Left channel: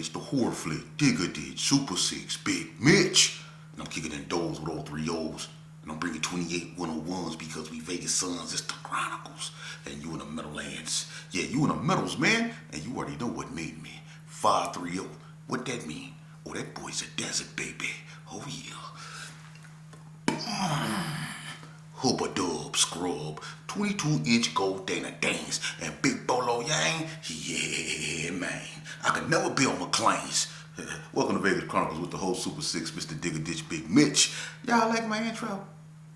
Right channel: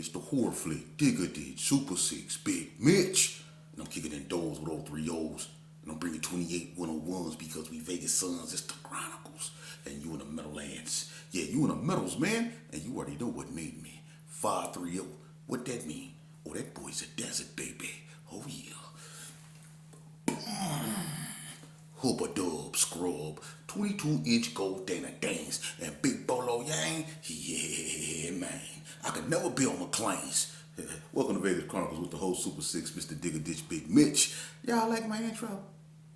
it's the horror flick, Digger did, Super 6, Bigg Mitch. And I'm kicking in doors with all three O's. And I'm bringing 28 101s because we Vegas Sons, it's the Chronicles. And you in the Meadowlands. Yeah, you in the Meadows, man. And you already know what made me. 530. What that mean? Oh, that boy's a desert baby. Oh, yeah. Hooper Dub Scrub, 22-inch gold Dana Dance, and Big Bolo Yang, yeah, man. I could never be on McLean's. Welcome to Vegas Chronicles with the whole Super 6, Mr. Digger Ditch, Bigg Mitch. Y'all like my intro?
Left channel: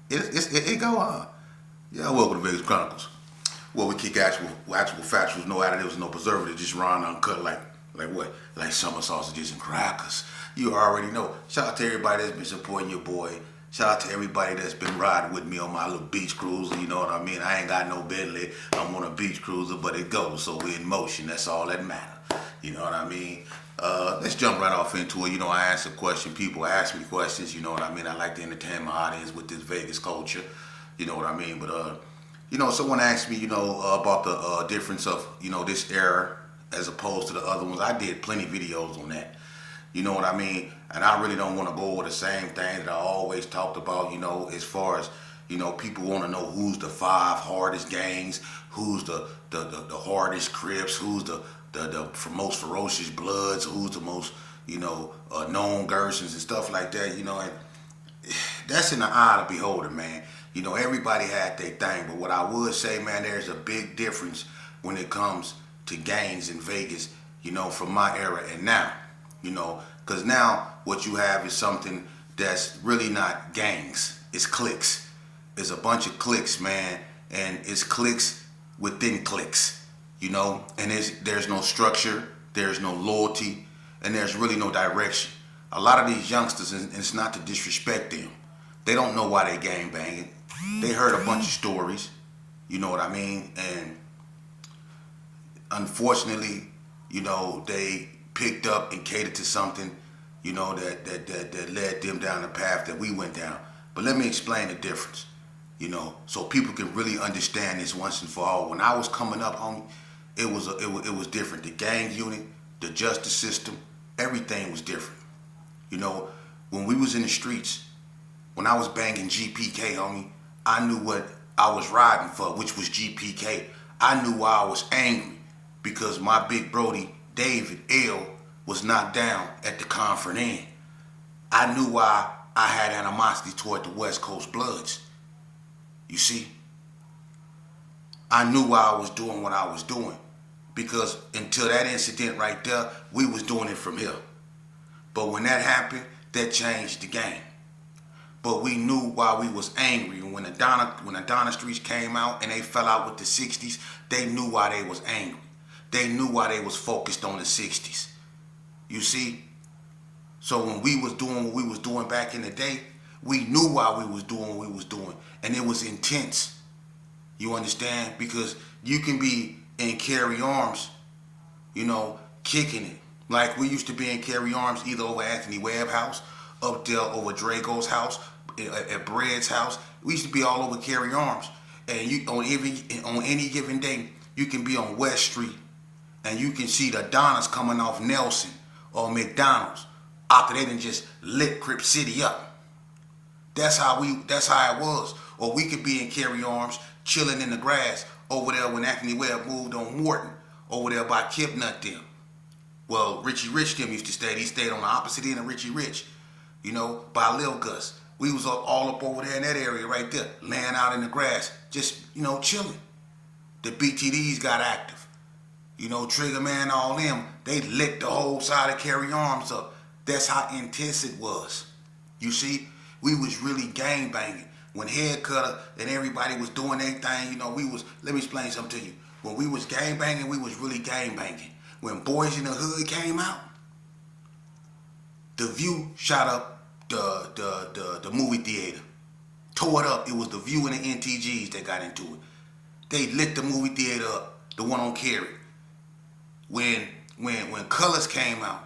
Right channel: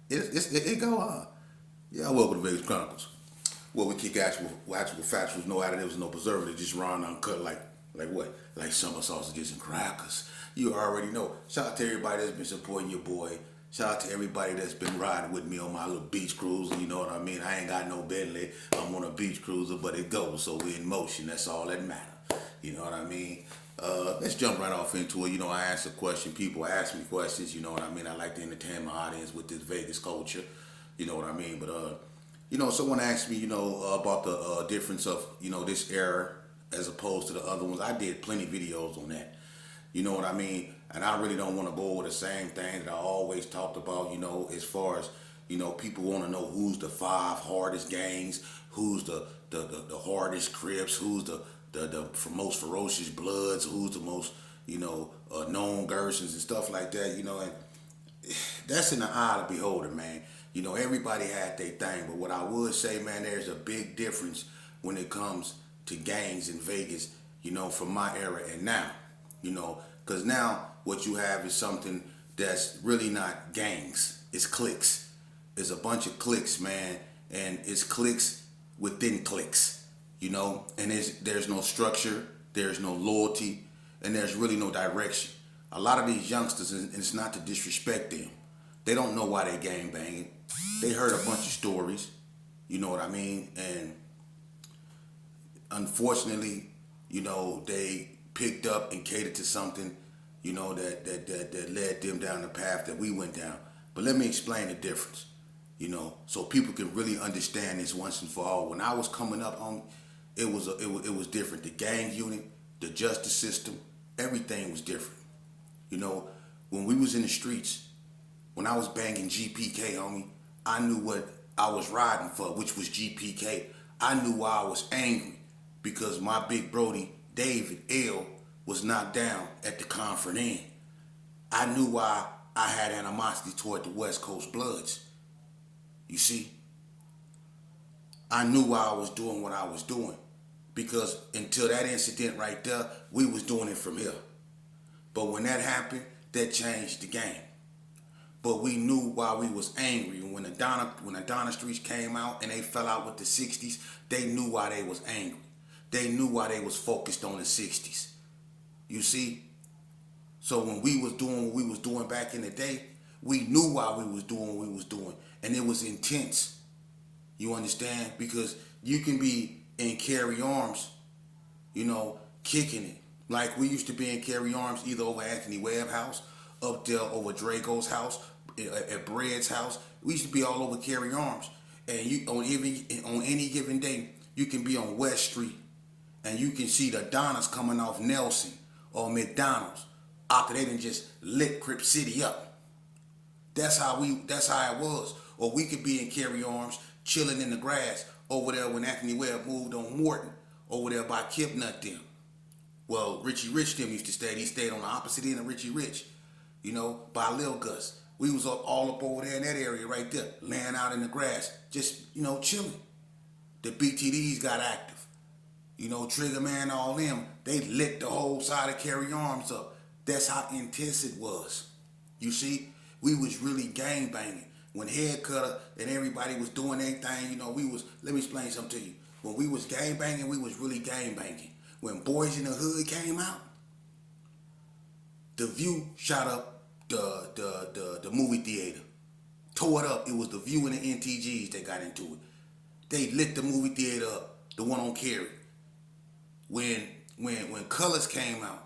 It go on. Yeah, welcome to Vegas Chronicles. Well, we kick actual factuals, no additives, no preservatives, just raw and uncut like what? Like summer sausages and crackers. You already know. Shout out to everybody that's been supporting your boy. Shout out to everybody that's been riding with me on my little beach cruiser, you know what I mean? I ain't got no Bentley, I'm on a beach cruiser, but it goes, so we're in motion, that's all that matters. You know what I mean? Let's jump right off into it. You know, I answer questions, people ask me questions, you know what I mean? I like to entertain my audience with this Vegas culture, you know what I mean? But, you know, someone asked me, you know, about the difference of, you know, this era as opposed to the other ones. I did plenty of videos on that. You know what I mean? And I really don't want to go over the same thing that I always talked about, you know, as far as, you know, people want to know who's the 5 hardest gangs, who's the hardest Crips, who's the most ferocious Bloods, who's the most, you know, known Gersons and stuff like that, you know, and that's in the eye of the beholder, man. You know, everybody had their thing, but what I would say, man, there's a big difference when it comes to gangs in Vegas, you know, from my era and now. You know, because now what you have is something that's really not gangs. It's cliques. It's a bunch of cliques, man. And it's cliques within cliques, you know. And there's no structure, there's no loyalty, and there's really no direction. A lot of these youngsters, and it's not to disrespect them, they don't know why they gang banging. They heard a bunch of stories, you know what I mean? And unfortunately, you know, they picked up and catered to something, you know, that led them down the path that we went down. But let me explain the difference, you know, so people can really understand this once and for all. When I was coming up, it was different. The gang unit, the justice system, everything was different. You know, when we was in the streets, when I was banging GPK, homie, I knew what I was riding for, which was GPK. I knew why I was angry because my big Brody, David L, was knocked down at the Conference Inn. I knew why I had animosity toward the West Coast Bloods. You see? I knew why I was doing what I was doing. Because until that incident right there, we was doing it from here. But when that happened, that changed the game. But we knew why we was angry. And when the Donna Streets came out and they fell out with the 60s, they knew why they was angry. They knew why they was focused on the 60s. You see? So when we was doing what we was doing back in the day, we knew why we was doing what we was doing. And it was intense. You understand? Because you can be in Carry Arms, you know, kicking it. Like we used to be in Carry Arms either over Anthony Webb's house, up there over Drago's house, at Bread's house. We used to be all over Carry Arms. And you on any given day, you can be on West Street. And you can see the Donnas coming off Nelson or McDonald's after they done just lit Crip City up. That's how it was. Or we could be in Carry Arms, chilling in the grass over there when Anthony Webb moved on Morton, over there by Kipnut them. Well, Richie Rich them used to stay. He stayed on the opposite end of Richie Rich, you know, by Lil Gus. We was all up over there in that area right there, laying out in the grass, just, you know, chilling. The BTDs got active. You know, Trigger Man, all them, they lit the whole side of Carry Arms up. That's how intense it was. You see, we was really gang banging. When Head Cutter and everybody was doing their thing, you know, let me explain something to you. When we was gang banging, we was really gang banging. When Boys in the Hood came out, The View shot up the movie theater. Tore it up. It was The View and the NTGs that got into it. They lit the movie theater up, the one on Cary. When Colors came out,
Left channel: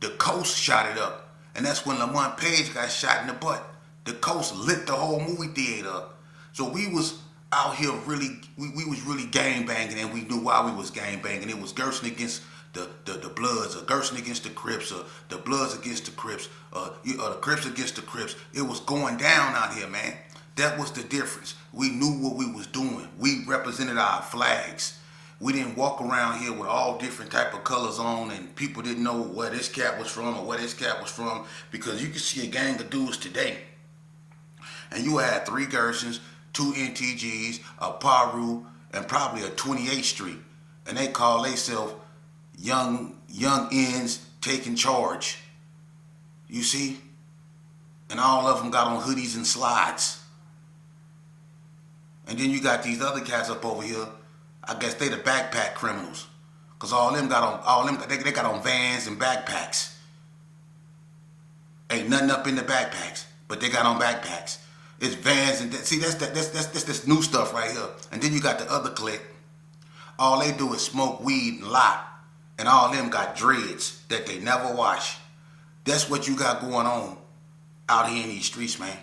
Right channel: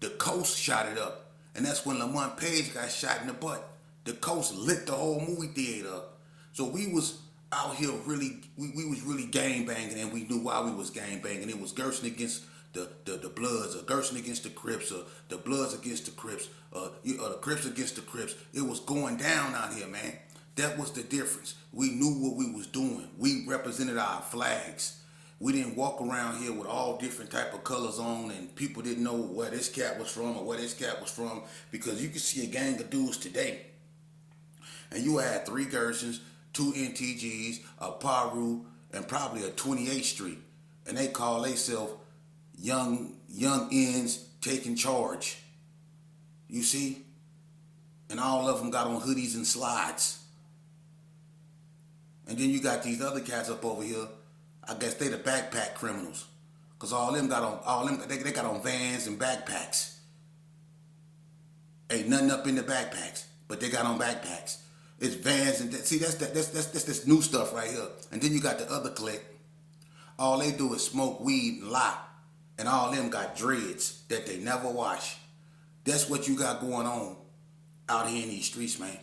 the Coast shot it up. And that's when Lamont Page got shot in the butt. The Coast lit the whole movie theater up. So we was out here really, we was really gang banging, and we knew why we was gang banging. It was Gerson against the Bloods, or Gerson against the Crips, or the Bloods against the Crips, or the Crips against the Crips. It was going down out here, man. That was the difference. We knew what we was doing. We represented our flags. We didn't walk around here with all different type of colors on, and people didn't know where this cat was from or where this cat was from, because you can see a gang of dudes today, and you had 3 Gersons, 2 NTGs, a Paru, and probably a 28th Street, and they call themselves young ends taking charge. You see, and all of them got on hoodies and slides. And then you got these other cats up over here. I guess they the backpack criminals, cause they got on Vans and backpacks. Ain't nothing up in the backpacks, but they got on backpacks. It's Vans and see that's this new stuff right here. And then you got the other clique. All they do is smoke weed and lie, and all them got dreads that they never wash. That's what you got going on out here in these streets, man.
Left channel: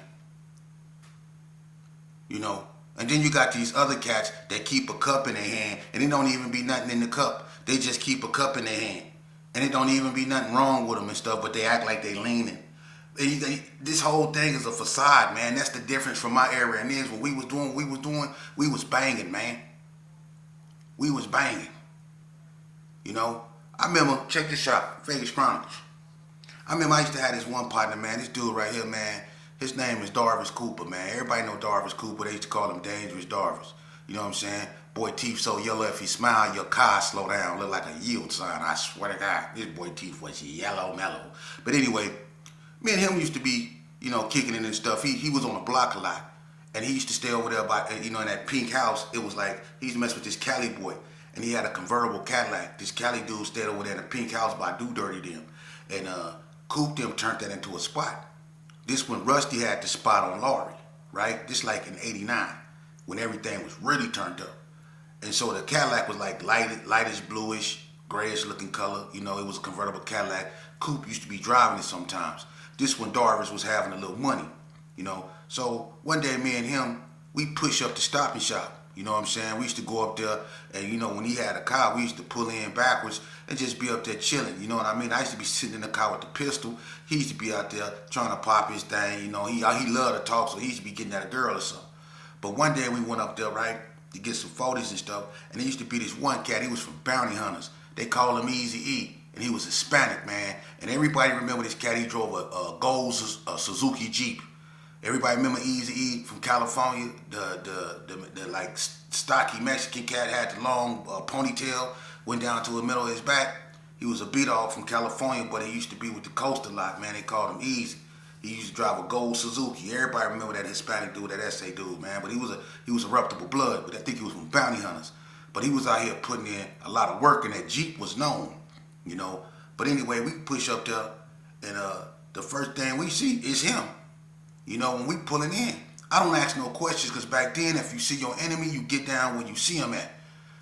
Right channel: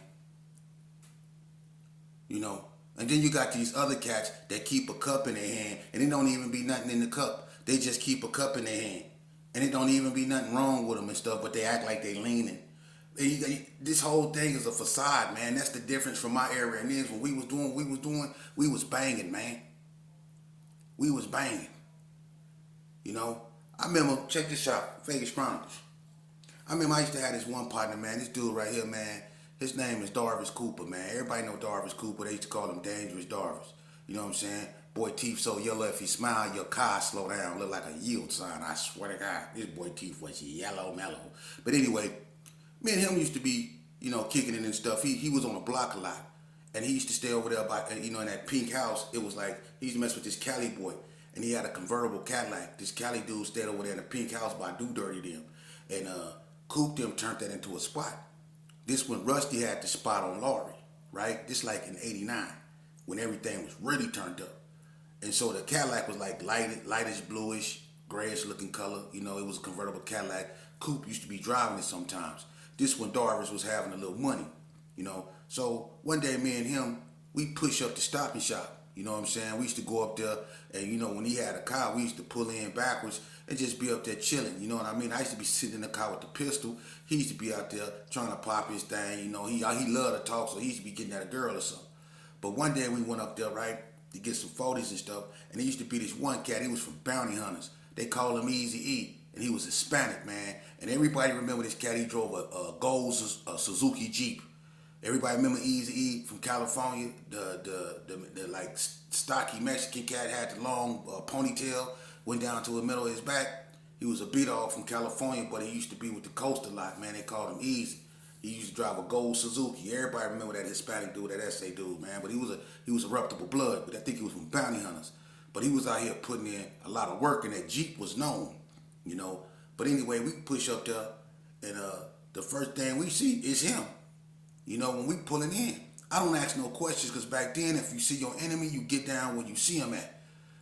You know. And then you got these other cats that keep a cup in their hand, and it don't even be nothing in the cup. They just keep a cup in their hand, and it don't even be nothing wrong with them and stuff, but they act like they leaning. This whole thing is a facade, man. That's the difference from my era and this. What we was doing, we was banging, man. We was banging. You know? I remember, check this out, Vegas Chronicles. I remember I used to have this one partner, man. This dude right here, man. His name is Darvis Cooper, man. Everybody know Darvis Cooper. They used to call him Dangerous Darvis. You know what I'm saying? Boy, teeth so yellow, if he smile, your car slow down. Look like a yield sign. I swear to God, this boy teeth was yellow mellow. But anyway, me and him used to be, you know, kicking it and stuff. He was on the block a lot. And he used to stay over there by, you know, in that pink house. It was like, he used to mess with this Cali boy. And he had a convertible Cadillac. This Cali dude stayed over there in the pink house by Do Dirty them. And Coop them turned that into a spot. This when Rusty had the spot on Laurie, right? This like in '89, when everything was really turned up. And so the Cadillac was like lightish bluish, grayish looking color. You know, it was a convertible Cadillac. Coop used to be driving it sometimes. This when Darvis was having a little money, you know. So one day me and him, we push up the Stop and Shop. You know what I'm saying? We used to go up there, and you know, when he had a car, we used to pull in backwards and just be up there chilling. You know what I mean? I used to be sitting in the car with the pistol. He used to be out there trying to pop his thing. You know, he loved to talk, so he used to be getting at a girl or something. But one day we went up there, right, to get some photos and stuff, and there used to be this one cat. He was from Bounty Hunters. They call him Easy E, and he was Hispanic, man. And everybody remember this cat. He drove a gold Suzuki Jeep. Everybody remember Easy E from California, the like stocky Mexican cat, had the long ponytail, went down to the middle of his back. He was a B-dog from California, but he used to be with the coast a lot, man. They called him Easy. He used to drive a gold Suzuki. Everybody remember that Hispanic dude, that SA dude, man. But he was a reputable blood, but I think he was from Bounty Hunters. But he was out here putting in a lot of work, and that Jeep was known, you know. But anyway, we push up there, and the first thing we see is him. You know, when we pulling in, I don't ask no questions, because back then, if you see your enemy, you get down where you see him at.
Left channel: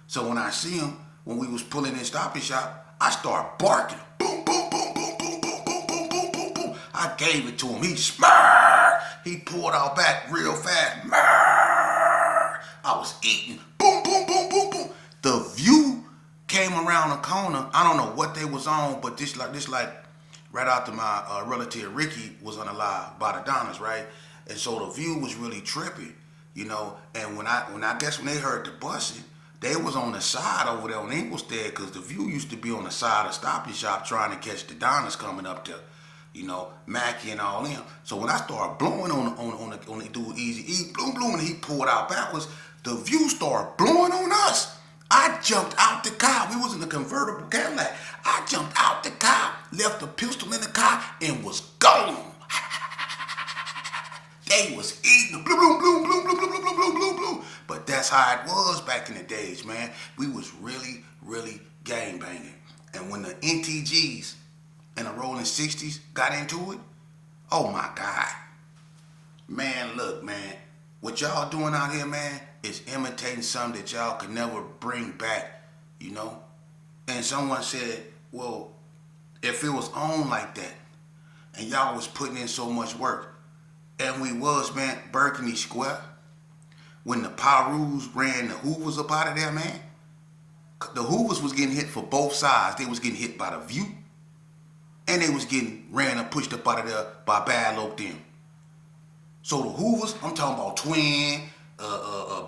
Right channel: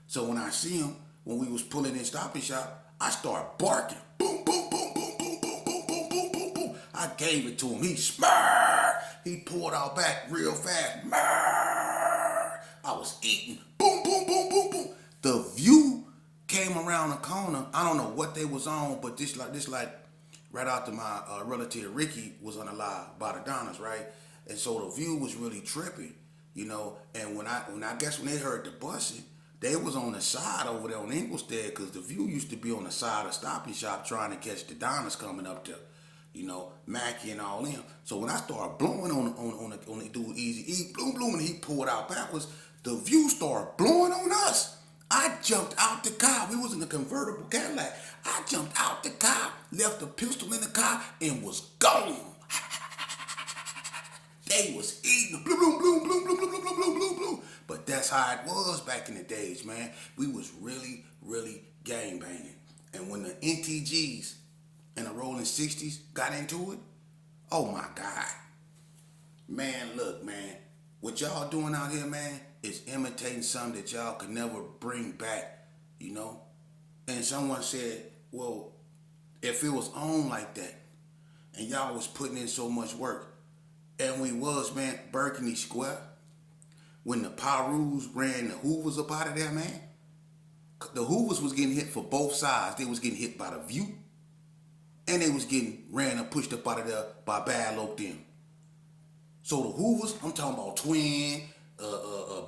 So when I see him, when we was pulling in Stop and Shop, I start barking. Boom, boom, boom, boom, boom, boom, boom, boom, boom, boom, boom. I gave it to him. He smirked. He pulled out back real fast. I was eating. Boom, boom, boom, boom, boom. The View came around the corner. I don't know what they was on, but this like right after my relative Ricky was unalive by the Donnas, right? And so the View was really trippy, you know. And when they heard the busing, they was on the side over there on Inglestead, because the View used to be on the side of Stop and Shop trying to catch the Donnas coming up there, you know, Mackie and all them. So when I started blowing on the dude Easy E, bloom, and he pulled out backwards, the View started blowing on us. I jumped out the car. We was in a convertible Cadillac. I jumped out the car, left the pistol in the car, and was gone. They was eating blue, blue, blue, blue, blue, blue, blue, blue, blue, blue. But that's how it was back in the days, man. We was really, really gang banging. And when the NTGs and the Rolling 60s got into it, oh my God. Man, look, man. What y'all doing out here, man, is imitating something that y'all could never bring back, you know? And someone said, well, if it was on like that, and y'all was putting in so much work, and we was, man, Burgundy Square, when the Pyrus ran the Hoovers up out of there, man, The Hoovers was getting hit for both sides. They was getting hit by the View, and they was getting ran and pushed up out of there by Bad Loc them. So the Hoovers, I'm talking about Twin,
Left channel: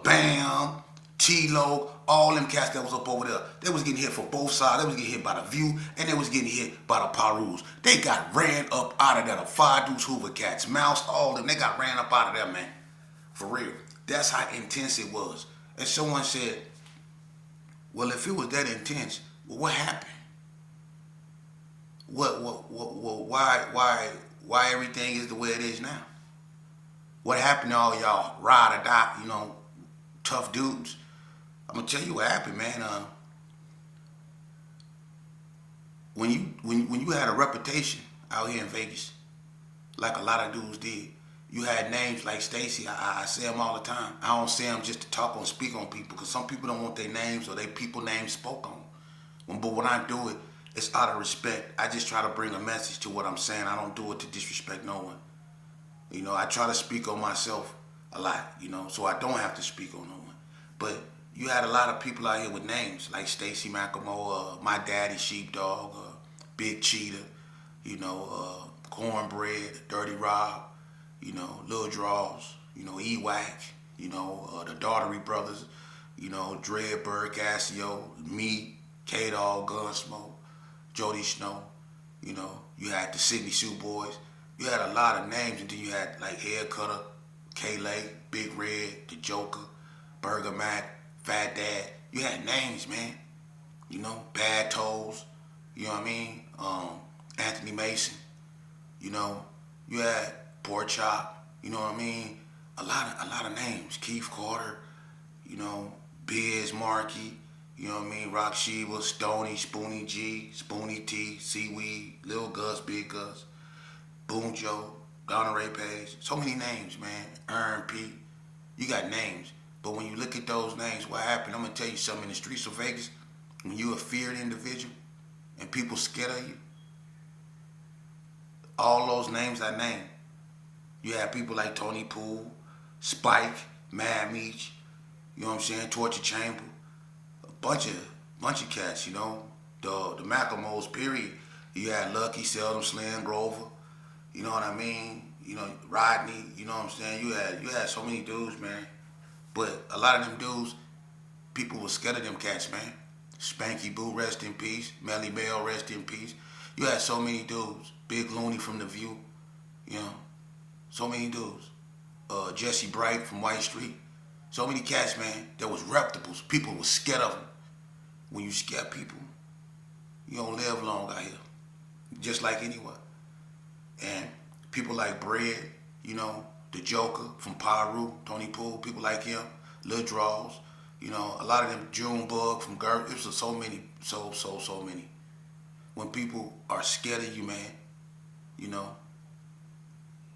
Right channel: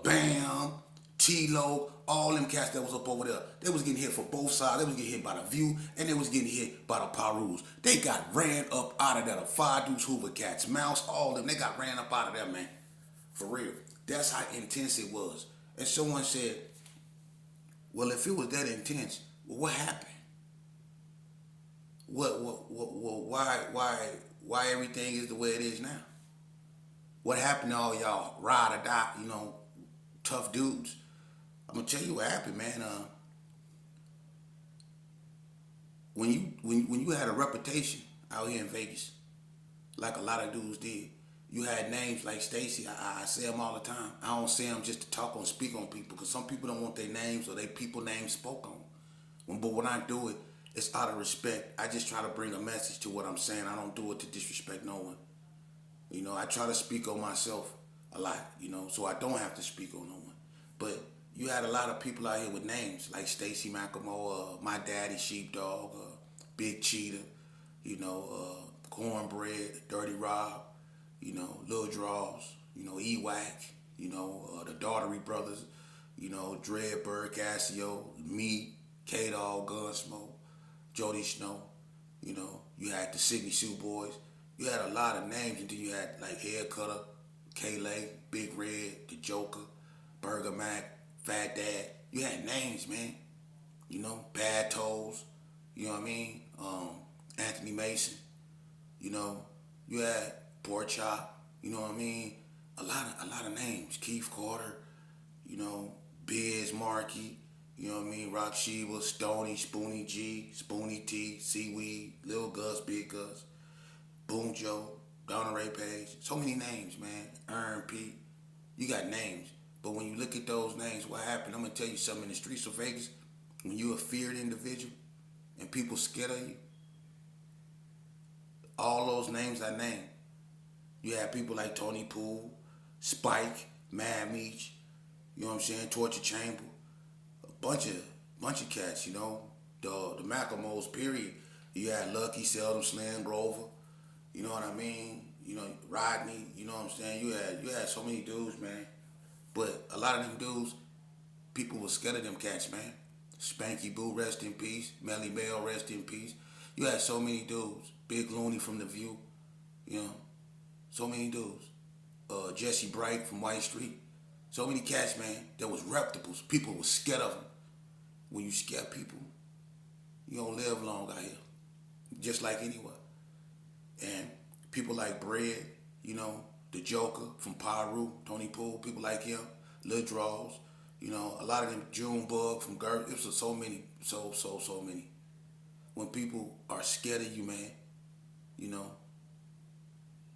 Bam, T-Lo, all them cats that was up over there, they was getting hit for both sides. They was getting hit by the View, and they was getting hit by the Perus. They got ran up out of there. The Five Deuce Hoover cats, Mouse, all them, they got ran up out of there, man. For real. That's how intense it was. And someone said, well, if it was that intense, well, what happened? Why everything is the way it is now? What happened to all y'all ride or die, tough dudes? I'm gonna tell you what happened, man. When you had a reputation out here in Vegas, like a lot of dudes did, you had names like Stacy. I say them all the time. I don't say them just to talk or speak on people, because some people don't want their names or their people names spoke on. But when I do it, it's out of respect. I just try to bring a message to what I'm saying. I don't do it to disrespect no one. I try to speak on myself a lot, so I don't have to speak on no one. But you had a lot of people out here with names like Stacy McElmore, My Daddy Sheepdog, Big Cheetah, Cornbread, Dirty Rob, Lil Draws, E-Wack, the Daughtery Brothers, Dread, Bird, Cassio, me, K-Dog, Gunsmoke, Jody Snow, you had the Sydney Sue Boys. You had a lot of names, and then you had like Head Cutter, K-Lay, Big Red, The Joker, Burger Mac, Fat Dad. You had names, man. Bad Toes, you know what I mean? Anthony Mason, you had Pork Chop, you know what I mean? A lot of names. Keith Carter, Biz Markie, you know what I mean? Rock Sheba, Stoney, Spoonie G, Spoonie T, Seaweed, Lil Gus, Big Gus, Boom Joe, Donna Ray Page. So many names, man. Ern P. You got names. But when you look at those names, what happened? I'm going to tell you something. In the streets of Vegas, when you're a feared individual and people scared of you, all those names I named, you had people like Tony Poole, Spike, Mad Meech, you know what I'm saying, Torture Chamber, a bunch of cats, the Macklemores, period. You had Lucky, Seldom, Slim, Grover, you know what I mean, Rodney, you know what I'm saying. You had so many dudes, man. But a lot of them dudes, people were scared of them cats, man. Spanky Boo, rest in peace. Melly Mel, rest in peace. You had so many dudes. Big Looney from The View, so many dudes. Jesse Bright from White Street. So many cats, man, that was reputables. People were scared of them. When you scare people, you don't live long out here. Just like anywhere. And people like Bread, the Joker from Pyru, Tony Poole, people like him, Lil Draws, a lot of them, Junebug from Gert. It was so many, so many. When people are scared of you, man,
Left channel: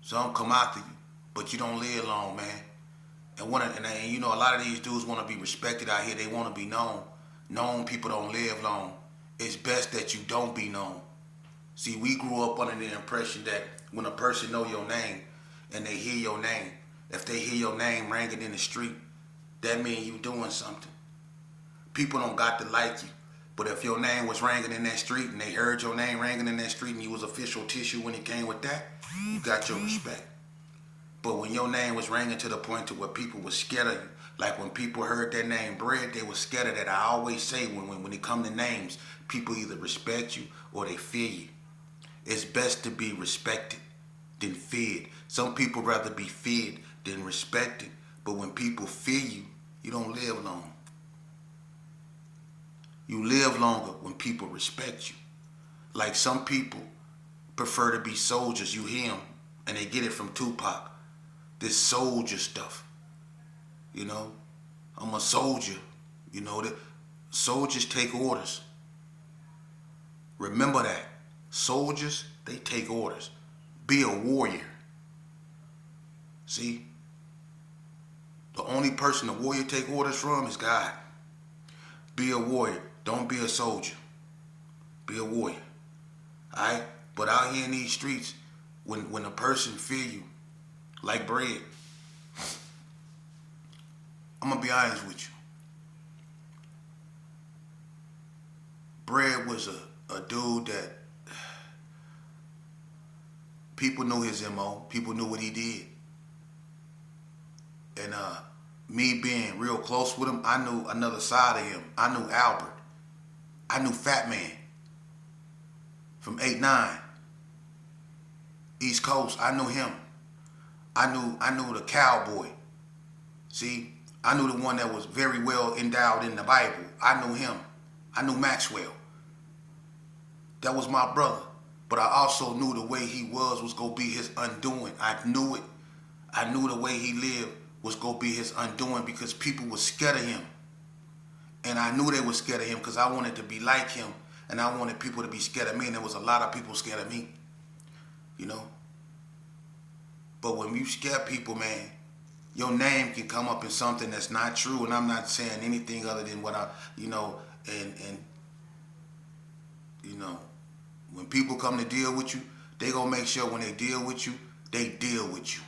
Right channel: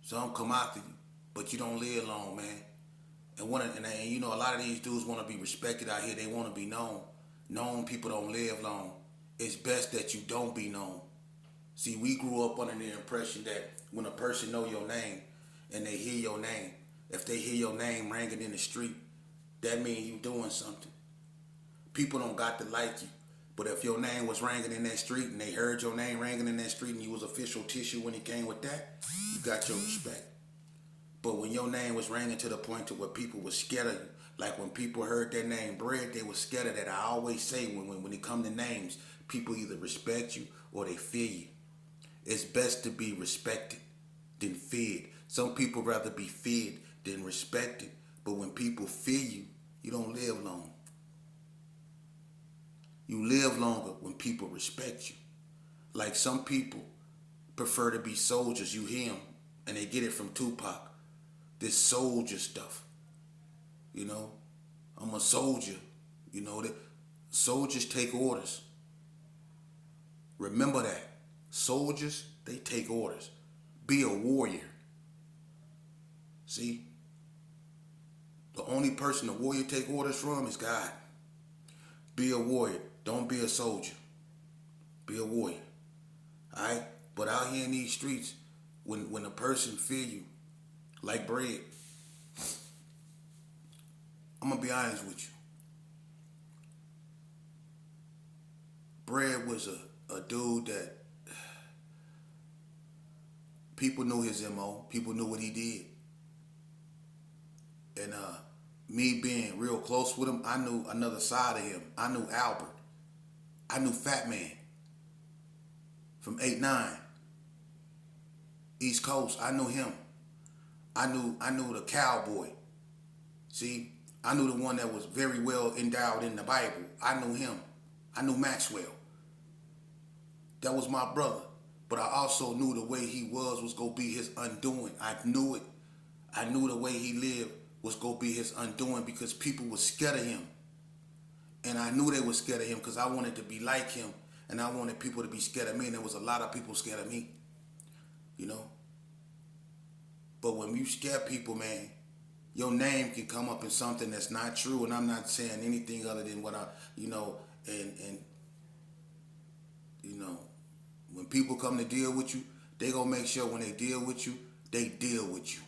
some come after you, but you don't live long, man. And a lot of these dudes want to be respected out here. They want to be known. Known people don't live long. It's best that you don't be known. See, we grew up under the impression that when a person know your name and they hear your name, if they hear your name ringing in the street, that means you doing something. People don't got to like you. But if your name was ringing in that street and they heard your name ringing in that street and you was official tissue when it came with that, you got your respect. But when your name was ringing to the point to where people were scared of you, like when people heard that name Bread, they were scared of that. I always say when it come to names, people either respect you or they fear you. It's best to be respected than feared. Some people rather be feared than respected. But when people fear you, you don't live long. You live longer when people respect you. Like some people prefer to be soldiers. You hear them, and they get it from Tupac. This soldier stuff. I'm a soldier. That soldiers take orders. Remember that. Soldiers, they take orders. Be a warrior. See? The only person the warrior take orders from is God. Be a warrior. Don't be a soldier. Be a warrior. Alright? But out here in these streets, when a person fear you, like Bread, I'm going to be honest with you. Bread was a dude that people knew his MO. People knew what he did. And me being real close with him, I knew another side of him. I knew Albert. I knew Fat Man from 8-9. East Coast. I knew him. I knew the cowboy. See, I knew the one that was very well endowed in the Bible. I knew him. I knew Maxwell. That was my brother. But I also knew the way he was going to be his undoing. I knew it. I knew the way he lived was going to be his undoing because people were scared of him. And I knew they were scared of him because I wanted to be like him. And I wanted people to be scared of me. And there was a lot of people scared of me. You know? But when you scare people, man, your name can come up in something that's not true. And I'm not saying anything other than what I, and when people come to deal with you, they gonna make sure when they deal with you, they deal with you.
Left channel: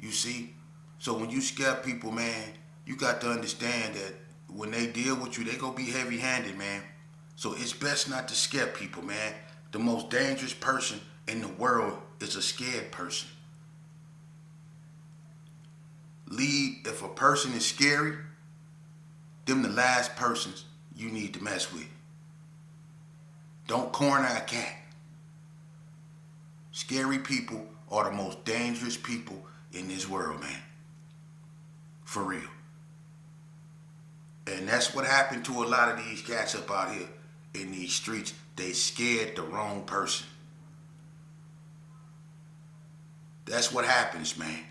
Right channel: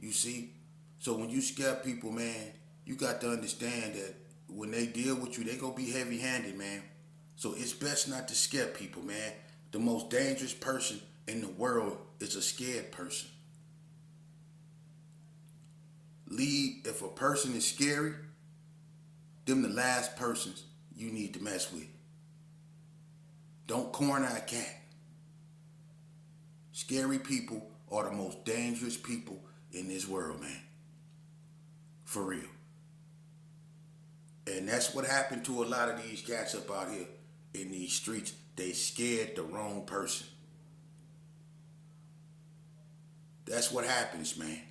You see? So when you scare people, man, you got to understand that when they deal with you, they gonna be heavy-handed, man. So it's best not to scare people, man. The most dangerous person in the world is a scared person. If a person is scary, them the last persons you need to mess with. Don't corner a cat. Scary people are the most dangerous people in this world, man. For real. And that's what happened to a lot of these cats up out here in these streets. They scared the wrong person. That's what happens, man.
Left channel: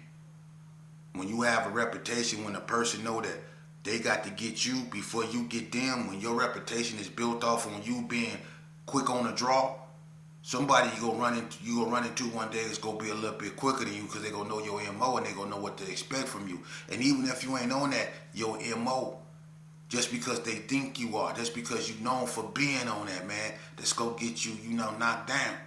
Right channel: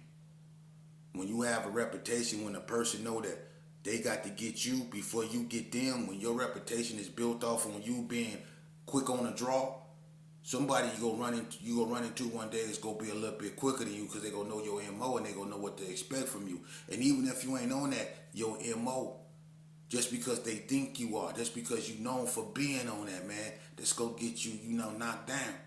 When you have a reputation, when a person know that they got to get you before you get them, when your reputation is built off on you being quick on the draw, somebody you gonna run into one day is gonna be a little bit quicker than you because they gonna know your MO and they gonna know what to expect from you. And even if you ain't on that, your MO, just because they think you are, just because you known for being on that, man, that's gonna get you, knocked down.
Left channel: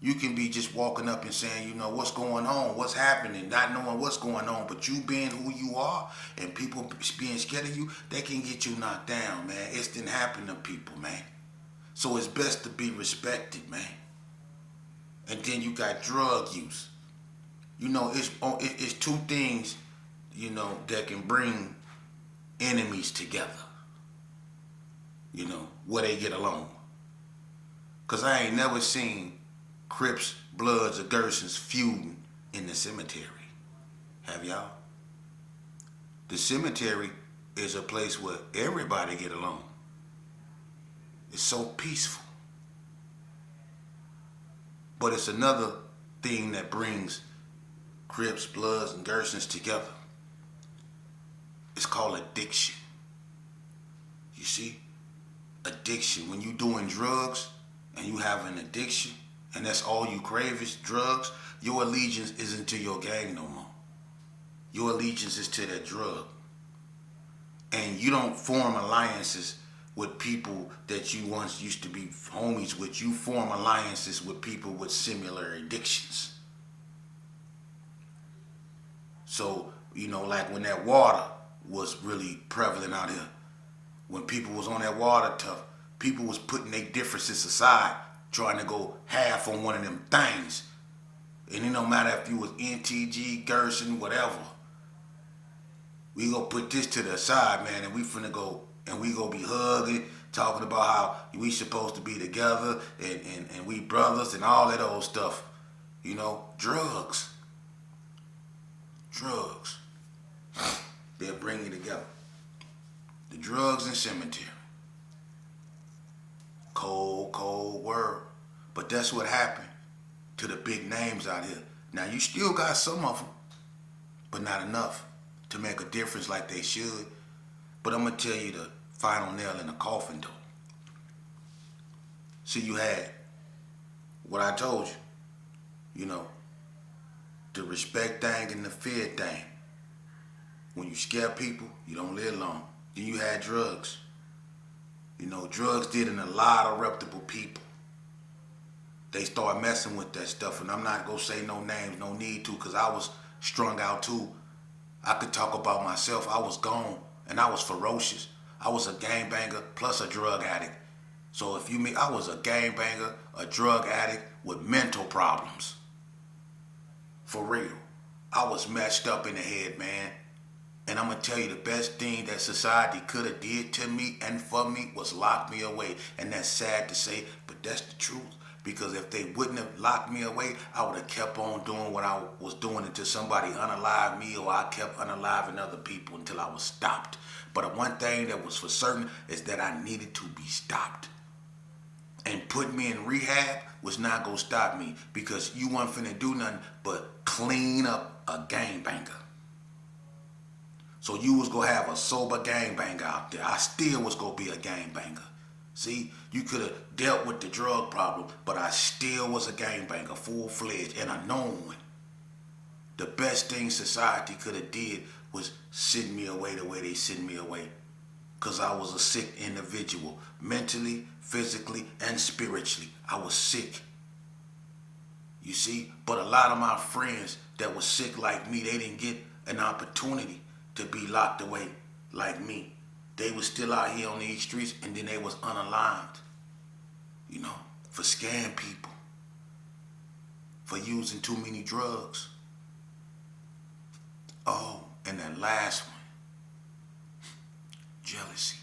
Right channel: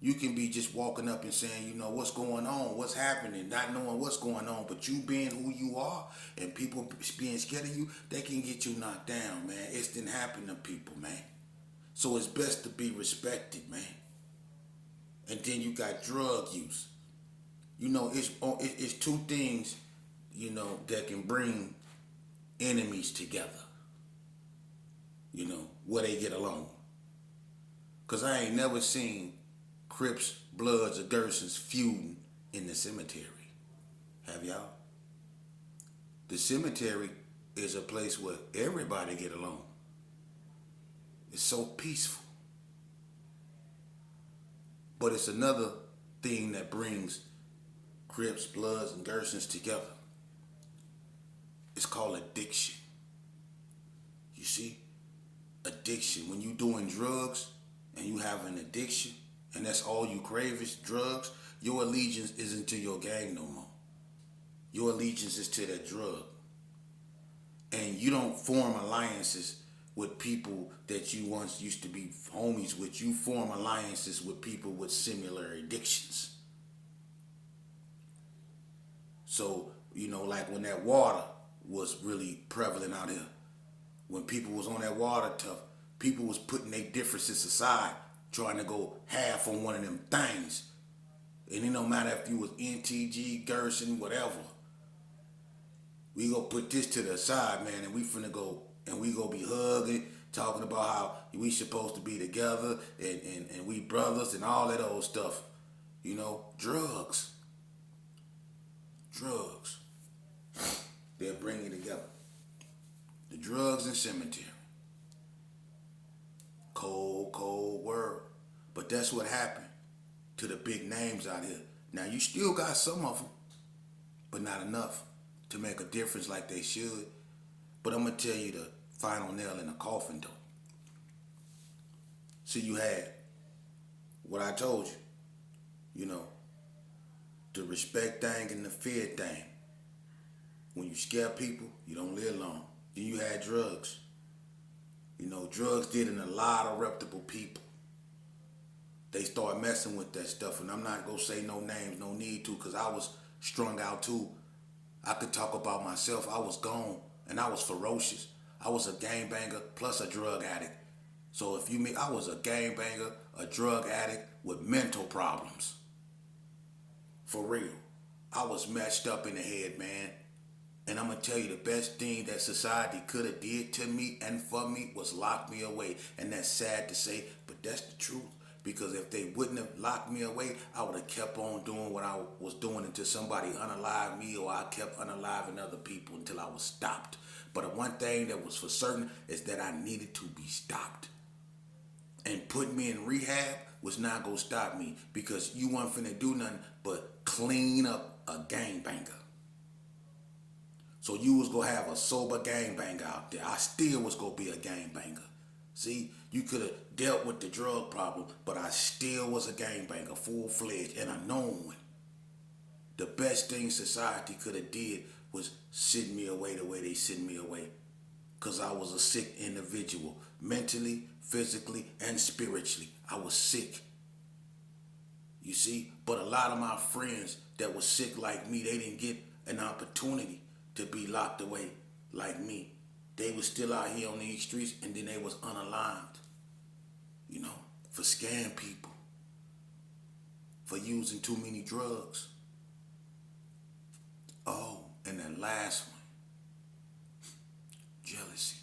You can be just walking up and saying, what's going on, what's happening, not knowing what's going on, but you being who you are and people being scared of you, they can get you knocked down, man. It's didn't happen to people, man. So it's best to be respected, man. And then you got drug use. It's two things, that can bring enemies together. Where they get along. Because I ain't never seen Crips, Bloods, or Gersons feuding in the cemetery. Have y'all? The cemetery is a place where everybody get along. It's so peaceful. But it's another thing that brings Crips, Bloods, and Gersons together. It's called addiction. You see? Addiction. When you doing drugs and you have an addiction and that's all you crave is drugs, your allegiance isn't to your gang no more. Your allegiance is to that drug. And you don't form alliances with people that you once used to be homies with. You form alliances with people with similar addictions. So, like when that water was really prevalent out here, when people was on that water tough, people was putting their differences aside, trying to go half on one of them things. And it don't matter if you was NTG, Gerson, whatever. We gonna put this to the side, man, and we finna go and we gonna be hugging, talking about how we supposed to be together and we brothers and all that old stuff. Drugs. Drugs. They'll bring you together. The drugs and cemetery. Cold world. But that's what happened to the big names out here. Now you still got some of them, but not enough to make a difference like they should. But I'm gonna tell you the final nail in the coffin though. See, you had what I told you, the respect thing and the fear thing. When you scare people, you don't live long. Then you had drugs. Drugs did in a lot of reputable people. They started messing with that stuff, and I'm not gonna say no names, no need to, because I was strung out too. I could talk about myself. I was gone, and I was ferocious. I was a gangbanger plus a drug addict. So if you mean I was a gangbanger, a drug addict with mental problems. For real. I was messed up in the head, man. And I'm gonna tell you, the best thing that society could have did to me and for me was lock me away. And that's sad to say, but that's the truth. Because if they wouldn't have locked me away, I would have kept on doing what I was doing until somebody unalived me, or I kept unaliving other people until I was stopped. But one thing that was for certain is that I needed to be stopped. And putting me in rehab was not gonna stop me, because you wasn't finna do nothing but clean up a gangbanger. So you was gonna have a sober gangbanger out there. I still was gonna be a gangbanger. See, you could have dealt with the drug problem, but I still was a gangbanger, full-fledged, and a known one. The best thing society could have did was send me away the way they sent me away. Because I was a sick individual, mentally, physically, and spiritually. I was sick. You see, but a lot of my friends that were sick like me, they didn't get an opportunity to be locked away like me. They was still out here on these streets, and then they was unaligned, you know, for scamming people, for using too many drugs. Oh, and that last one, jealousy.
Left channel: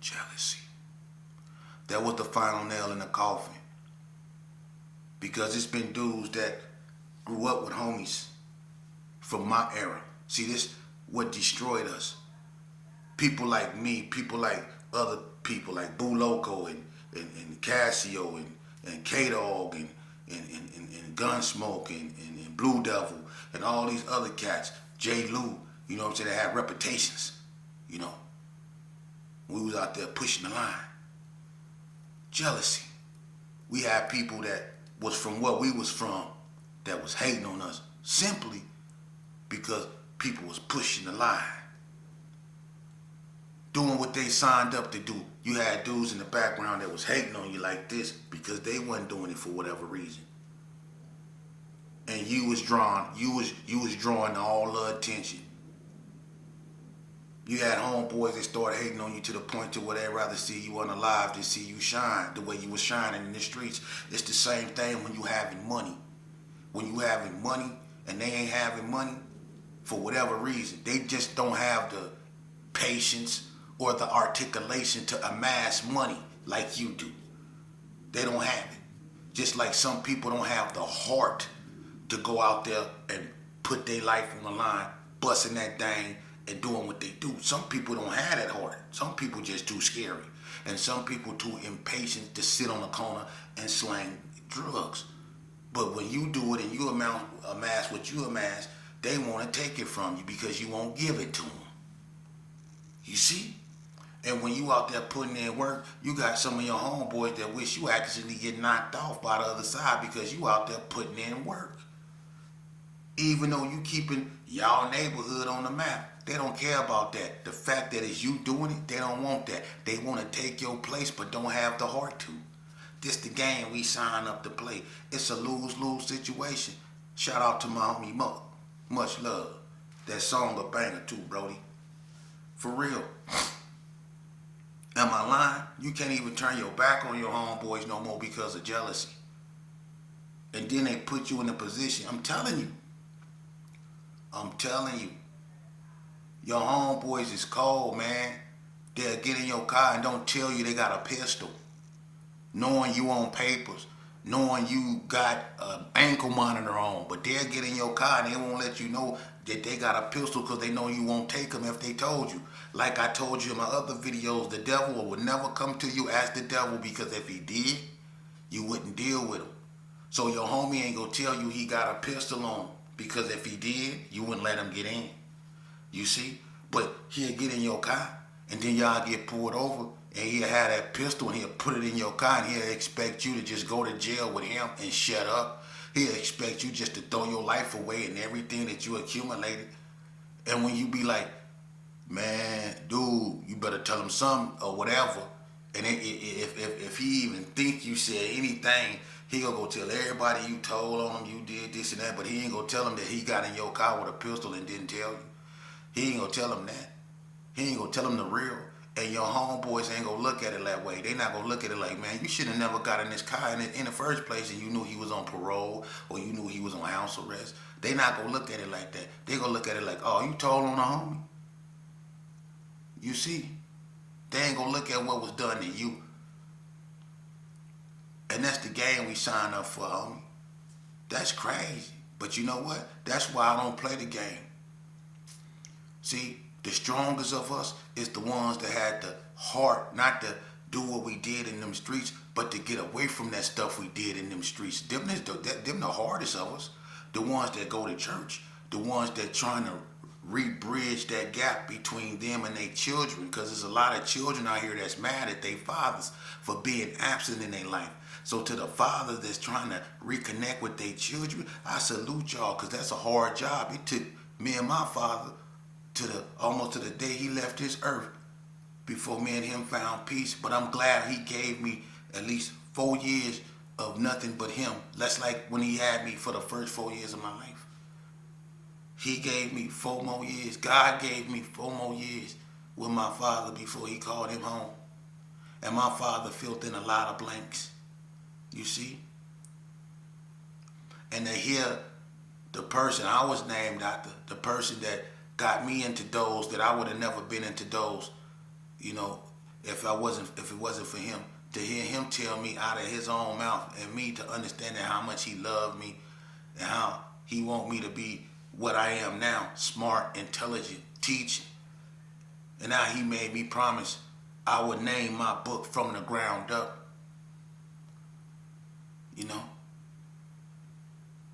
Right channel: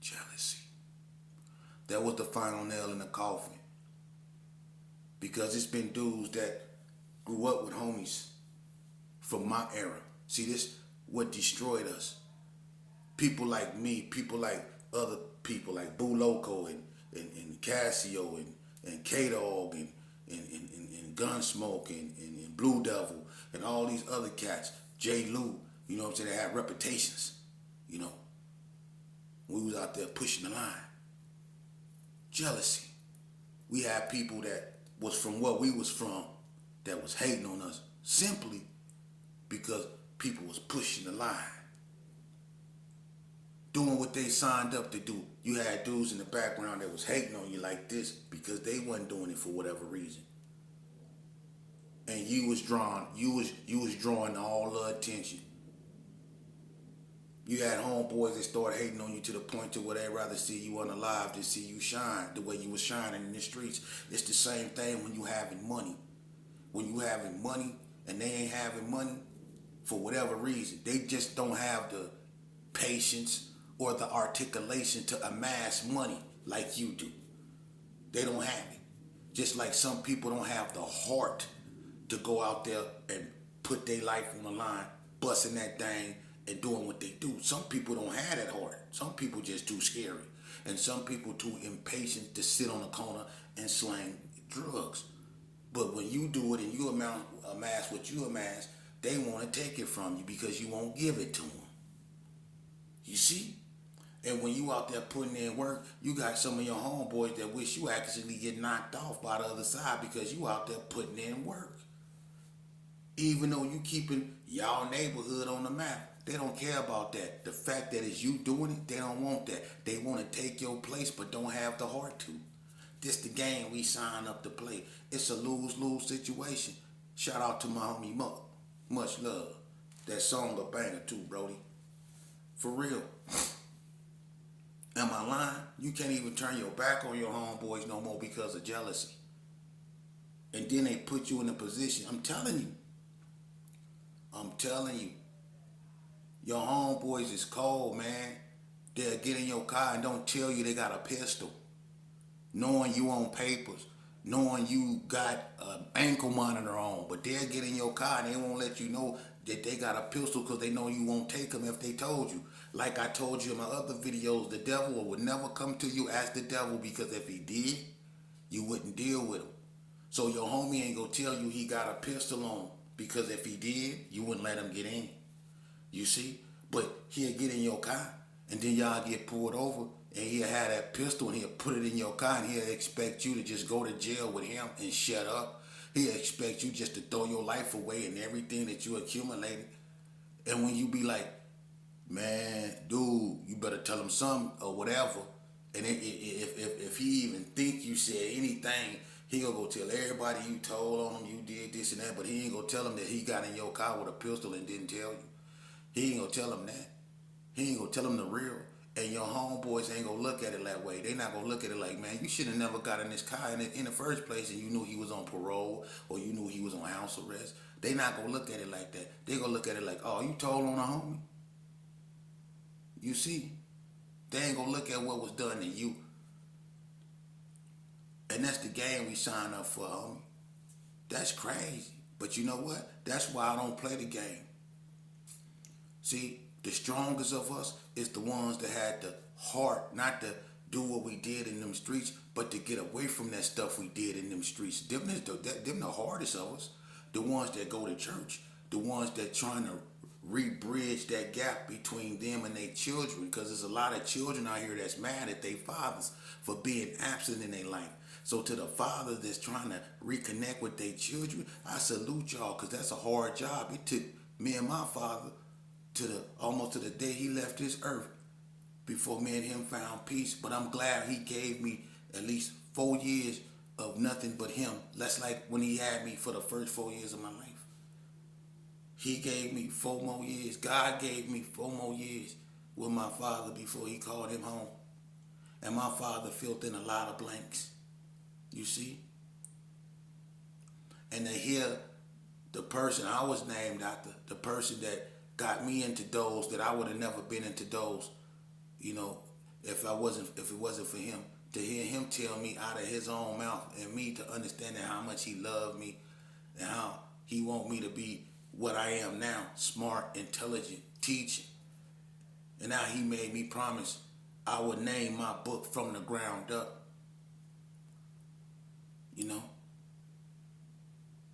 Jealousy. That was the final nail in the coffin. Because it's been dudes that grew up with homies from my era. See, this what destroyed us. People like me, people like other people like Boo Loco and Casio and K-Dog and Gunsmoke and Blue Devil and all these other cats, J. Lou, you know what I'm saying, they had reputations, you know. We was out there pushing the line. Jealousy. We had people that was from what we was from that was hating on us simply because people was pushing the line, doing what they signed up to do. You had dudes in the background that was hating on you like this because they wasn't doing it for whatever reason. And you was drawing all the attention. You had homeboys that started hating on you to the point to where they'd rather see you unalive than see you shine the way you was shining in the streets. It's the same thing when you having money. When you having money and they ain't having money for whatever reason, they just don't have the patience or the articulation to amass money like you do. They don't have it. Just like some people don't have the heart to go out there and put their life on the line, busting that thing and doing what they do. Some people don't have that heart. Some people just too scary. And some people too impatient to sit on the corner and slang drugs. But when you do it and you amass what you amass, they want to take it from you because you won't give it to them. You see? And when you out there putting in work, you got some of your homeboys that wish you actually get knocked off by the other side because you out there putting in work. Even though you keeping y'all neighborhood on the map, they don't care about that. The fact that it's you doing it, they don't want that. They want to take your place but don't have the heart to. This the game we sign up to play. It's a lose-lose situation. Shout out to my homie Muck. Much love. That song a banger too, Brody. For real. Am I lying? You can't even turn your back on your homeboys no more because of jealousy. And then they put you in a position. I'm telling you. Your homeboys is cold, man. They'll get in your car and don't tell you they got a pistol. Knowing you on papers. Knowing you got an ankle monitor on. But they'll get in your car and they won't let you know that they got a pistol because they know you won't take them if they told you. Like I told you in my other videos, the devil would never come to you as the devil, because if he did, you wouldn't deal with him. So your homie ain't gonna tell you he got a pistol on, because if he did, you wouldn't let him get in. You see? But he'll get in your car and then y'all get pulled over and he'll have that pistol and he'll put it in your car and he'll expect you to just go to jail with him and shut up. He'll expect you just to throw your life away and everything that you accumulated. And when you be like, man, dude, you better tell him something or whatever. And if he even think you said anything, he gonna go tell everybody you told on him, you did this and that, but he ain't gonna tell him that he got in your car with a pistol and didn't tell you. He ain't gonna tell him that. He ain't gonna tell them the real. And your homeboys ain't gonna look at it that way. They not gonna look at it like, man, you should have never got in this car in the first place, and you knew he was on parole or you knew he was on house arrest. They not gonna look at it like that. They gonna look at it like, oh, you told on a homie. You see, they ain't gonna look at what was done to you. And that's the game we signed up for, homie. That's crazy. But you know what? That's why I don't play the game. See, the strongest of us is the ones that had the heart not to do what we did in them streets, but to get away from that stuff we did in them streets. Them the hardest of us. The ones that go to church. The ones that trying to re-bridge that gap between them and their children. Because there's a lot of children out here that's mad at their fathers for being absent in their life. So to the father that's trying to reconnect with their children, I salute y'all, because that's a hard job. It took me and my father almost to the day he left this earth before me and him found peace. But I'm glad he gave me at least 4 years of nothing but him. That's like when he had me for the first 4 years of my life. He gave me 4 more years. God gave me 4 more years with my father before he called him home. And my father filled in a lot of blanks. You see? And to hear the person I was named after, the person that got me into those that I would have never been into those, you know, if it wasn't for him. To hear him tell me out of his own mouth, and me to understand how much he loved me and how he want me to be what I am now, smart, intelligent, teaching. And how he made me promise I would name my book From the Ground Up. You know,